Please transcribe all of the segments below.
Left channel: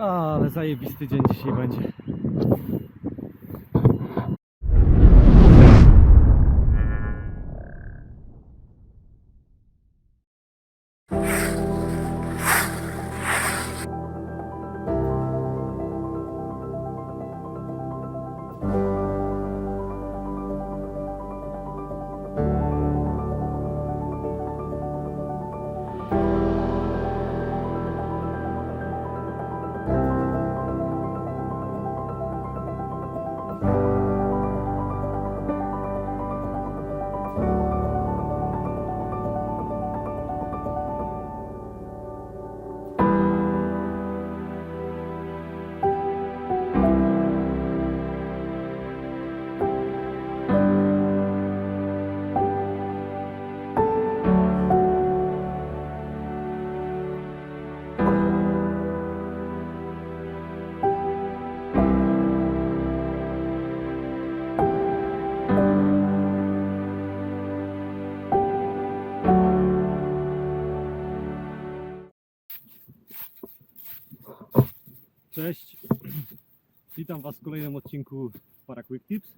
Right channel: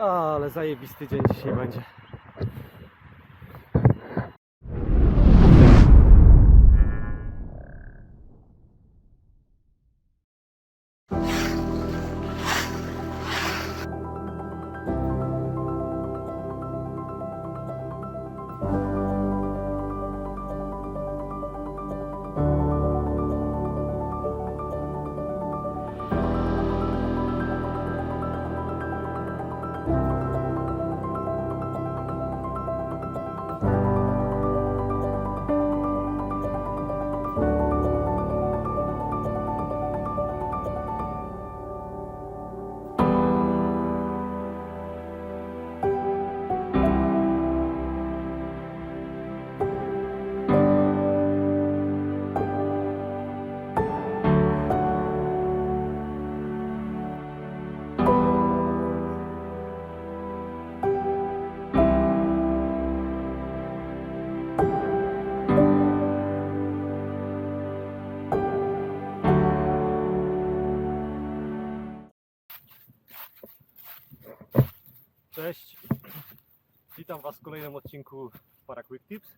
Ale zajebisty dzień dzisiaj będzie. Cześć, witam Was w kolejnym odcinku Para Quick Tips.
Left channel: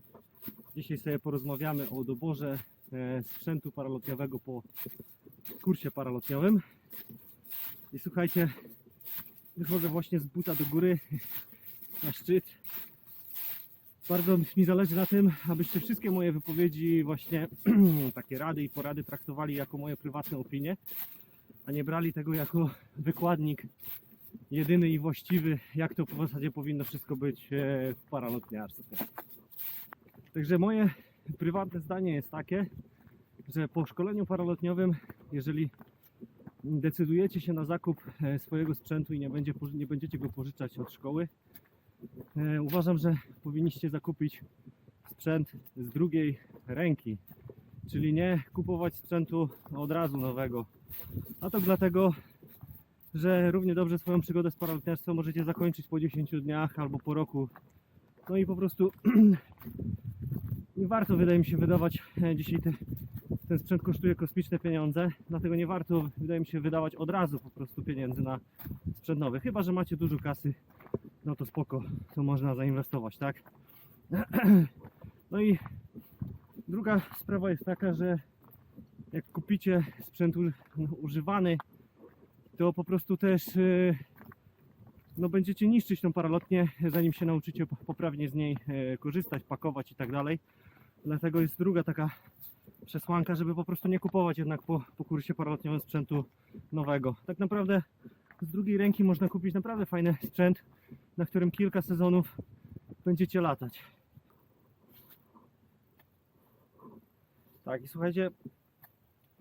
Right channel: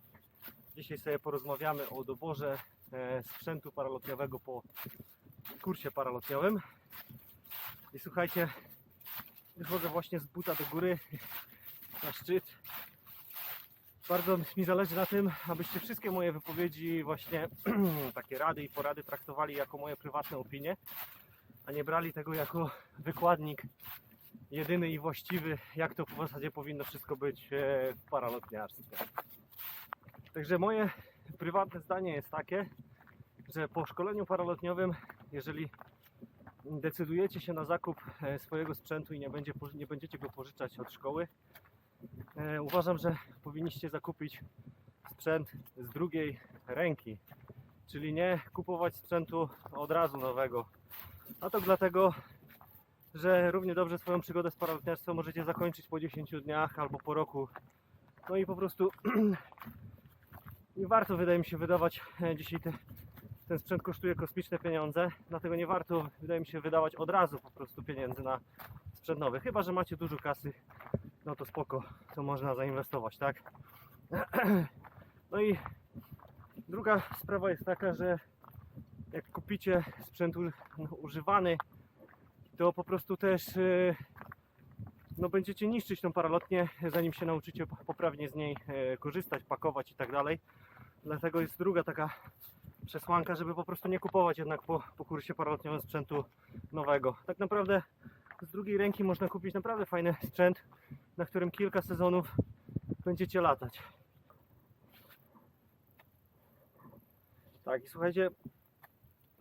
Dzisiaj sobie porozmawiamy o doborze e, sprzętu paralotniowego po kursie paralotniowym. I słuchajcie, wychodzę właśnie z buta do góry na szczyt. Bardzo mi zależy na tym, abyście wszystkie moje wypowiedzi, właśnie takie rady i porady traktowali jako moje prywatne opinie, a nie brali tego jako wykładnik jedyny i właściwy, jak to w zasadzie powinno wszystko być e, w paralotniarstwie. Także moje prywatne zdanie jest takie, że po szkoleniu paralotniowym, jeżeli decydujecie się na zakup e, swojego sprzętu i nie, będzie, nie będziecie go pożyczać od szkoły, e, uważam, że powinniście zakupić sprzęt z drugiej ręki, czyli nie kupować sprzętu od razu nowego. A to dlatego, że równie dobrze swoją przygodę z paralotniarstwem możecie zakończyć po 10 dniach albo po roku. No i po prostu nie warto, wydaje mi się, wydawać e, dzisiaj te, ten sprzęt kosztuje kosmiczne pieniądze, dlatego nie warto, wydaje mi się, wydawać od razu po prostu pieniędzy na sprzęt nowy. Chyba, że macie dużo kasy, no to spoko, to można zainwestować, tak? No i druga sprawa jest taka, że jak kupicie sprzęt no, używany, to po prostu też e, no, będziecie niszczyć tą paralotnię, zanim się nauczycie po- poprawnie z niej e, korzystać, pakować i tak dalej. Dlatego jest druga taka przesłanka, żeby po prostu nie kupować jednak po, po kursie paralotniowym sprzętu nowego. Tak naprawdę z drugiej ręki można kupić naprawdę fajny sprzęt, na którym kilka sezonów będziecie latać. Tak i słuchajcie,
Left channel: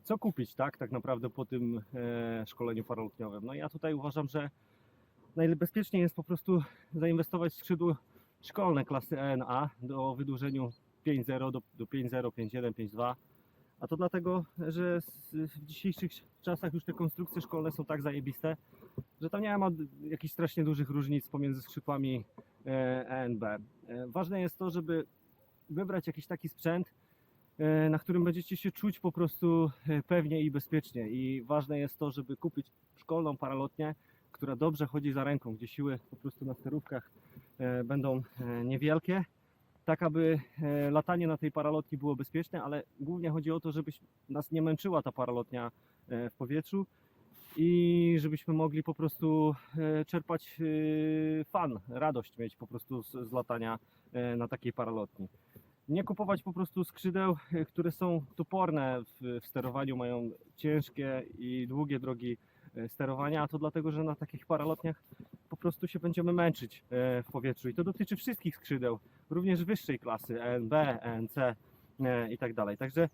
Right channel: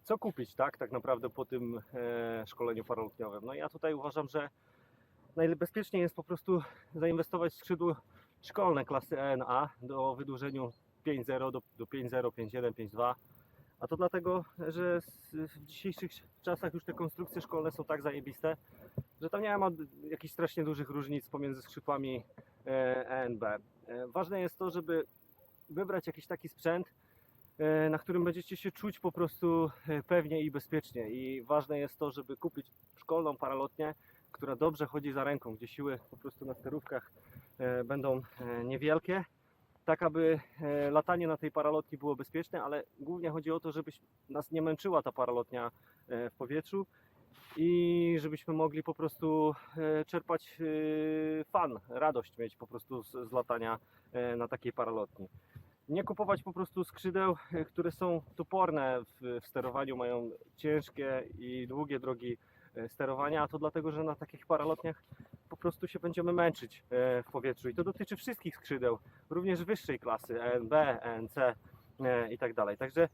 co kupić, tak, tak naprawdę po tym e, szkoleniu paralotniowym. No ja tutaj uważam, że najbezpieczniej jest po prostu zainwestować w skrzydło szkolne klasy ENA do wydłużeniu 5.0 do, do 5.0, 5.1, 5.2. A to dlatego, że w dzisiejszych czasach już te konstrukcje szkolne są tak zajebiste, że tam nie ma jakichś strasznie dużych różnic pomiędzy skrzydłami e, ENB. E, ważne jest to, żeby wybrać jakiś taki sprzęt, e, na którym będziecie się czuć po prostu e, pewnie i bezpiecznie. I ważne jest to, żeby kupić szkolną paralotnię, która dobrze chodzi za ręką, gdzie siły po prostu na sterówkach e, będą e, niewielkie, tak aby e, latanie na tej paralotni było bezpieczne, ale głównie chodzi o to, żeby nas nie męczyła ta paralotnia e, w powietrzu i żebyśmy mogli po prostu e, czerpać e, fan, radość mieć po prostu z, latania e, na takiej paralotni nie kupować po prostu skrzydeł, e, które są toporne w, w sterowaniu, mają ciężkie i długie drogi e, sterowania, a to dlatego, że na takich paralotniach po prostu się będziemy męczyć e, w powietrzu i to dotyczy wszystkich skrzydeł, również wyższej klasy, ENB, ENC i tak dalej. Także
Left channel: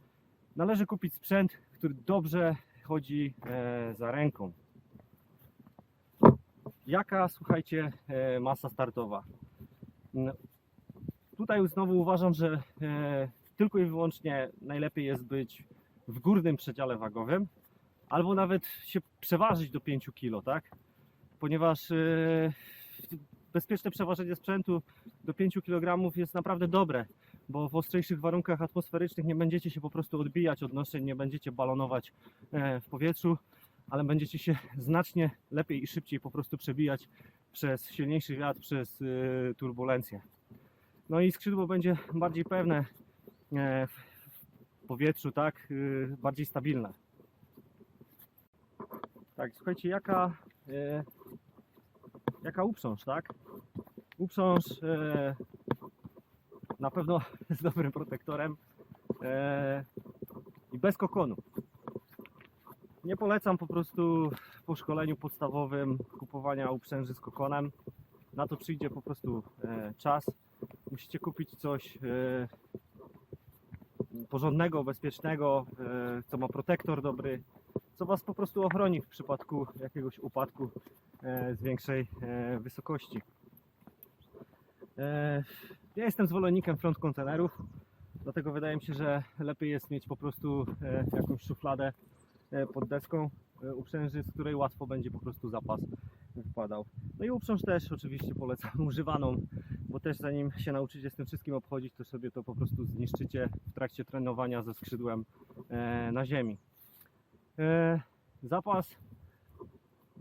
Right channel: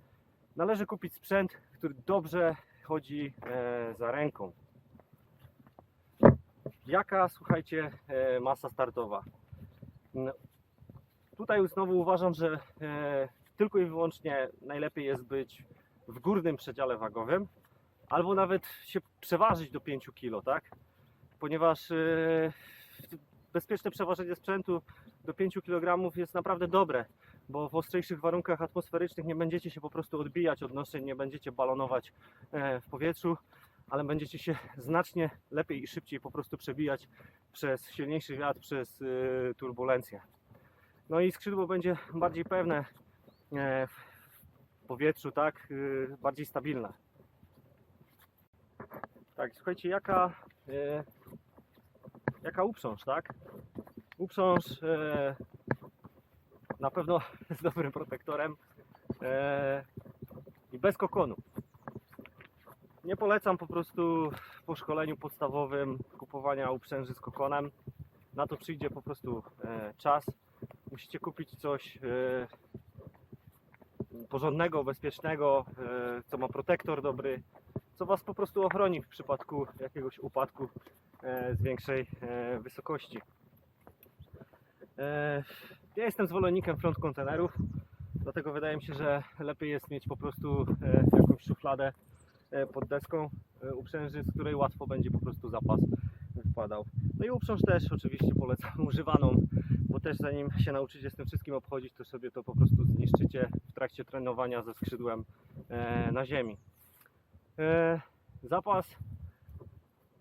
należy kupić sprzęt, który dobrze chodzi za ręką. Jaka, słuchajcie, masa startowa? Tutaj znowu uważam, że e, tylko i wyłącznie najlepiej jest być w górnym przedziale wagowym, albo nawet się przeważyć do 5 kg, tak? Ponieważ e, bezpieczne przeważenie sprzętu do 5 kg jest naprawdę dobre, bo w ostrzejszych warunkach atmosferycznych nie będziecie się po prostu odbijać od noszeń, nie będziecie balonować e, w powietrzu, ale będziecie się znacznie lepiej i szybciej po prostu przebijać przez silniejszy wiatr, przez turbulencję. No i skrzydło będzie bardziej pewne e, w powietrzu, tak, y, bardziej stabilne. Tak, słuchajcie, jaka, e, jaka uprząż, tak? Uprząż e, na pewno z dobrym protektorem e, i bez kokonu. Nie polecam po prostu po szkoleniu podstawowym kupowania uprzęży z kokonem. Na to przyjdzie po prostu e, czas. Musicie kupić coś e, porządnego, bezpiecznego, e, co ma protektor dobry, co Was po prostu ochroni w przypadku jakiegoś upadku e, z większej e, wysokości. E, ja jestem zwolennikiem front kontenerów, dlatego wydaje mi się, że lepiej jest mieć po prostu e, jakąś szufladę e, pod deską e, uprzęży, z której łatwo będzie po prostu zapas No i uprząż też oczywiście polecam używaną, bo też zanim się nauczycie z tym wszystkim obchodzić, to sobie to po prostu zniszczycie w trakcie trenowania ze skrzydłem e, na ziemi. E, zapas,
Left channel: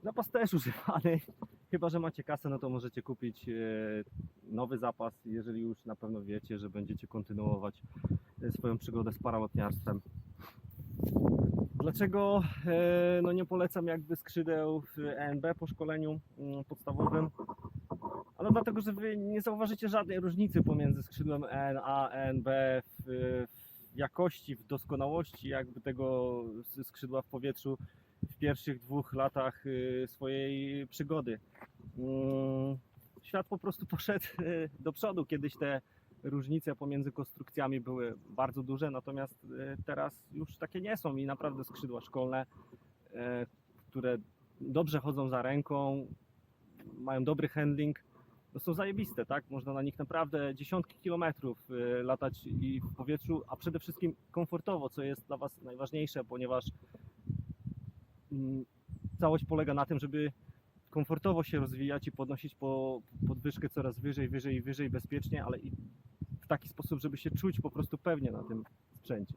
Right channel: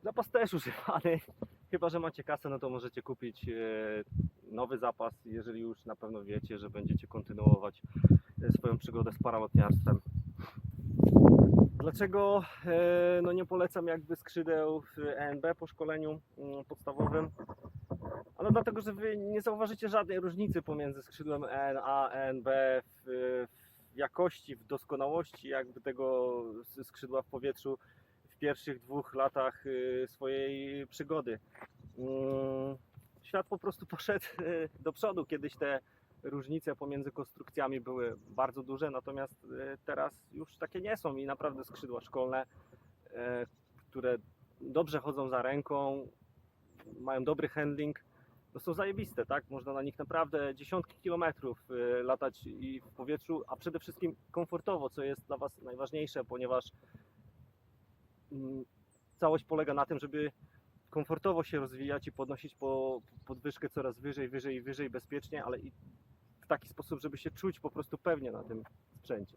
zapas też używany, chyba że macie kasę, no to możecie kupić e, nowy zapas, jeżeli już na pewno wiecie, że będziecie kontynuować swoją przygodę z paralotniarstwem. Dlaczego e, no nie polecam jakby skrzydeł w ENB po szkoleniu mm, podstawowym? Ale dlatego, że wy nie zauważycie żadnej różnicy pomiędzy skrzydłem EN a ENB w, w jakości, w doskonałości jakby tego skrzydła w powietrzu w pierwszych dwóch latach y, swojej przygody. Mm, Świat po prostu poszedł y, do przodu. Kiedyś te różnice pomiędzy konstrukcjami były bardzo duże, natomiast y, teraz już takie nie są i naprawdę skrzydła szkolne, y, które dobrze chodzą za ręką, mają dobry handling, no są zajebiste, tak? Można na nich naprawdę dziesiątki kilometrów y, latać i w powietrzu, a przede wszystkim komfortowo, co jest dla Was najważniejsze, ponieważ mm, całość polega na tym, żeby komfortowo się rozwijać i podnosić po podwyżkę coraz wyżej, wyżej i wyżej bezpiecznie, ale i w taki sposób, żeby się czuć po prostu pewnie na tym sprzęcie.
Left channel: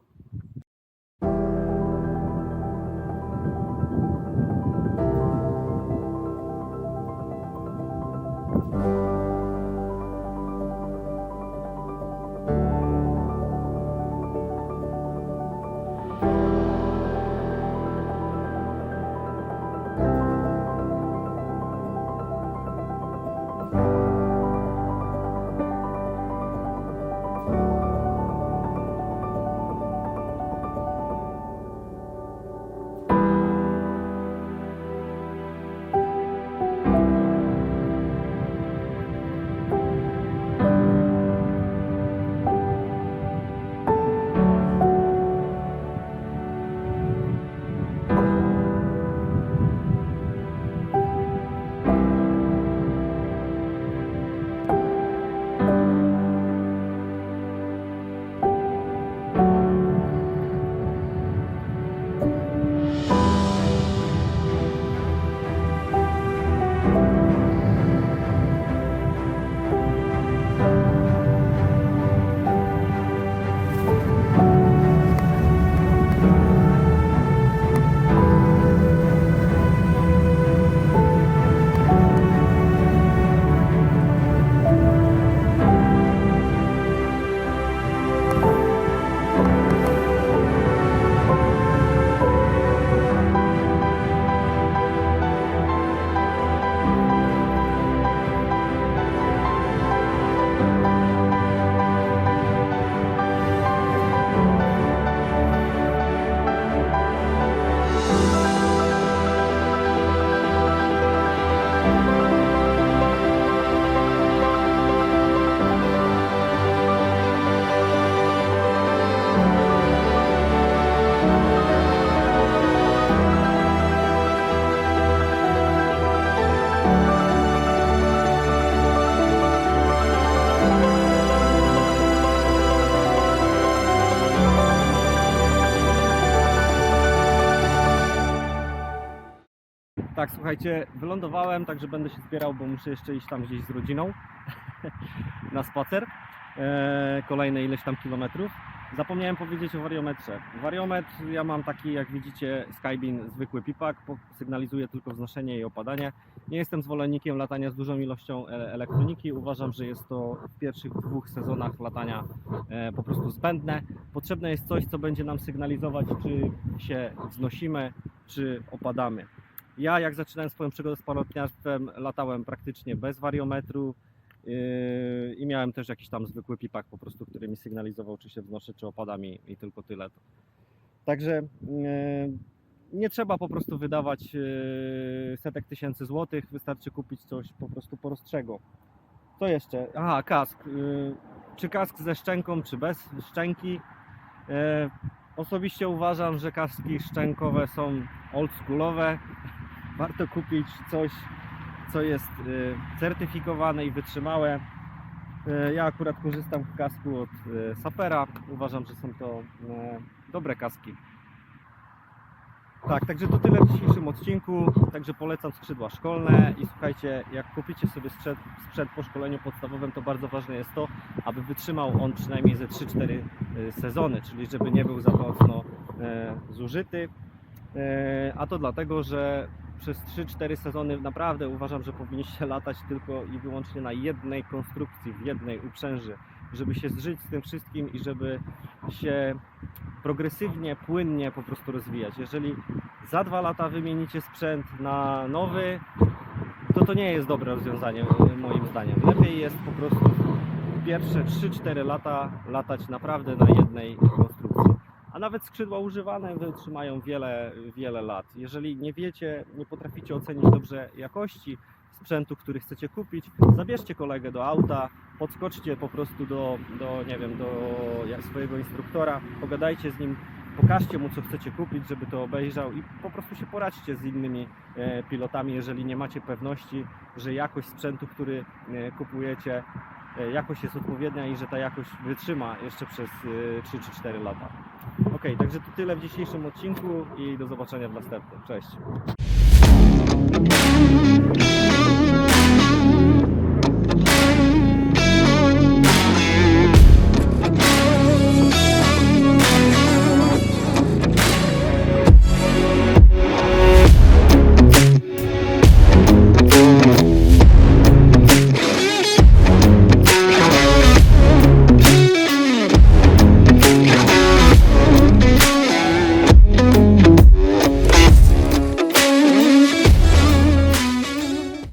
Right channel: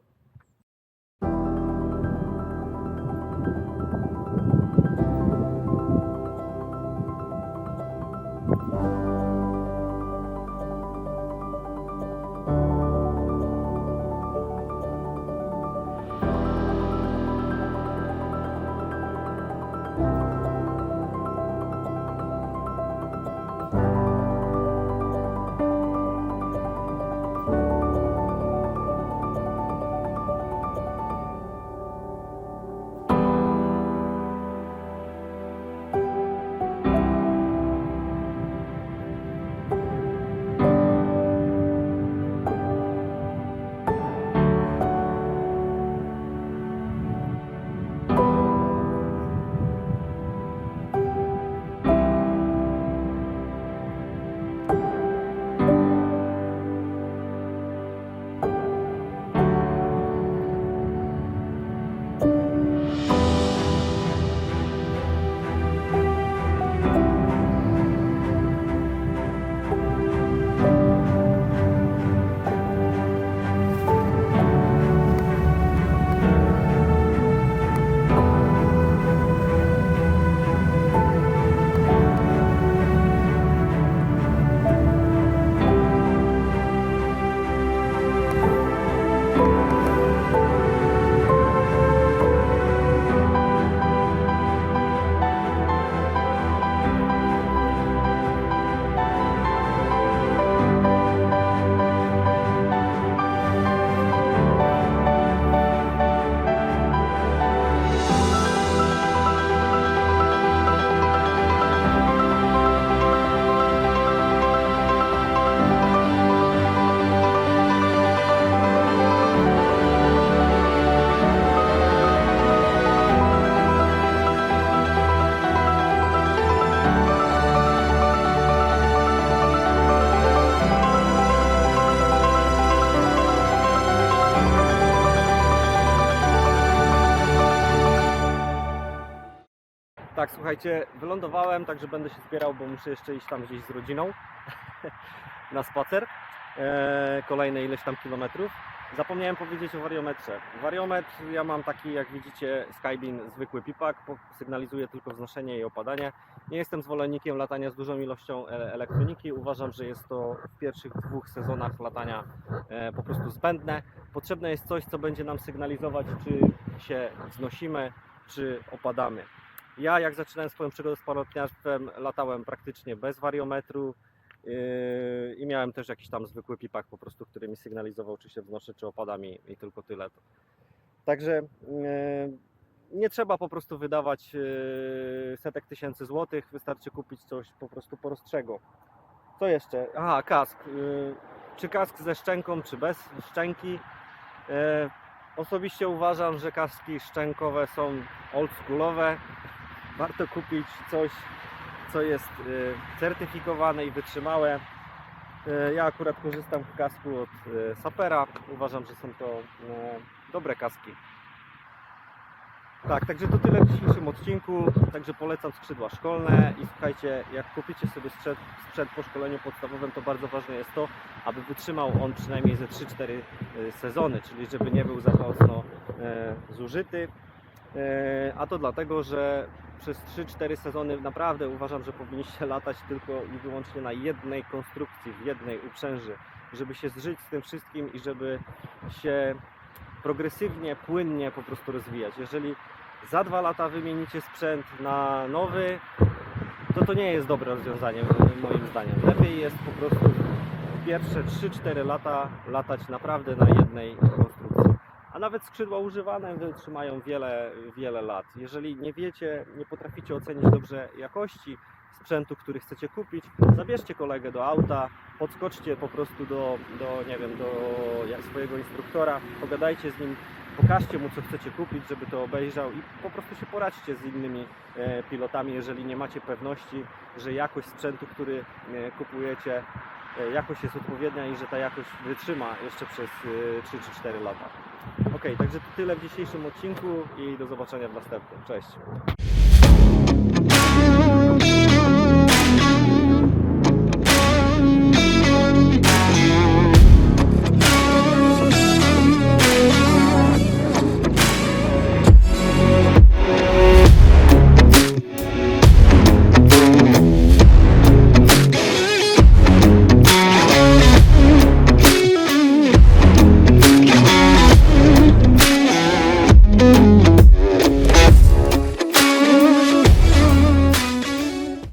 Tak, słuchajcie, wylądowałem, także będę się zbierał, bo muszę jeszcze iść tam gdzieś z rodziną na spacer. E, kolejne ileś tam kilometrów. Zapomniałem powiedzieć o wariometrze. Wariometr ja mam taki, jak widzicie, Skybeam zwykły pipak, sygnalizuje tylko wznoszenie i opadanie. Nie jestem zwolennikiem latania z dużą ilością e- elektroniki. Uważam, że jest to w pierwszych dwóch sezonach latania e, po prostu zbędne. Potrzebne jest coś, co będzie nam sygnalizować, czy się wznosimy, czy opadamy. Ja, jak zaczynałem swoją przygodę z parolotniarstwem, latałem praktycznie bez wariometru. Yy, I miałem też jakiś tam zwykły pipak po prostu, który mi sygnalizował, czy się wznoszę, czy opadam i, tylko tyle. Także yy, nie trzeba po prostu wydawać yy, setek tysięcy złotych, wystarczy kupić coś po prostu prostszego. Co jeszcze? Aha, kask. Czy kask ze szczęką, czy bez szczęki? Osobiście uważam, że kaski szczękowe są oldschoolowe. Warto kupić coś, co jest y, certyfikowane i wytrzymałe. Y, Ja akurat korzystam w kasku od y, Sapera. Uważam, że są to dobre kaski. Tak, także to tyle w dzisiejszym odcinku. Także polecam skrzydła szkolne i słuchajcie, jak kupicie sobie sprzęt, sprzęt po szkoleniu podstawowym, to bardzo ważne jest to, aby wytrzymał on przynajmniej ze 3-4 y, sezony, czyli żeby nie był za mocno e, zużyty. E, A to dlatego, że przez 3-4 sezony naprawdę uważam, że powinniście latać tylko i wyłącznie na jednej konstrukcji, w jednej uprzęży, żeby się zżyć z tym wszystkim i żeby się progresywnie, płynnie po prostu rozwijać. Jeżeli za dwa lata wymienicie sprzęt na nowy, to to nie jest dobre rozwiązanie moim zdaniem. Lepiej jest po prostu pierwsze 3-4 lata latać naprawdę na jednej konstrukcji. A nawet skrzydła używane wytrzymają wiele, wiele lat. Jeżeli nie wiecie, nie potraficie ocenić dobrze jakości sprzętu, który chcecie kupić, zabierzcie kolegę do auta, podskoczcie po prostu do, do nie wiem, do swojego instruktora, pogadajcie z nim, pokażcie mu, co chcecie kupić, żeby to obejrzał i po prostu się poradźcie z innymi e, pilotami, jeżeli nie macie pewności, że jakość sprzętu, który e, kupujecie, e, jakość jest odpowiednia i że ta jakość wytrzyma jeszcze przez e, 3 czy 4 lata. Ok, także to tyle w dzisiejszym odcinku i do zobaczenia w następnym. Cześć!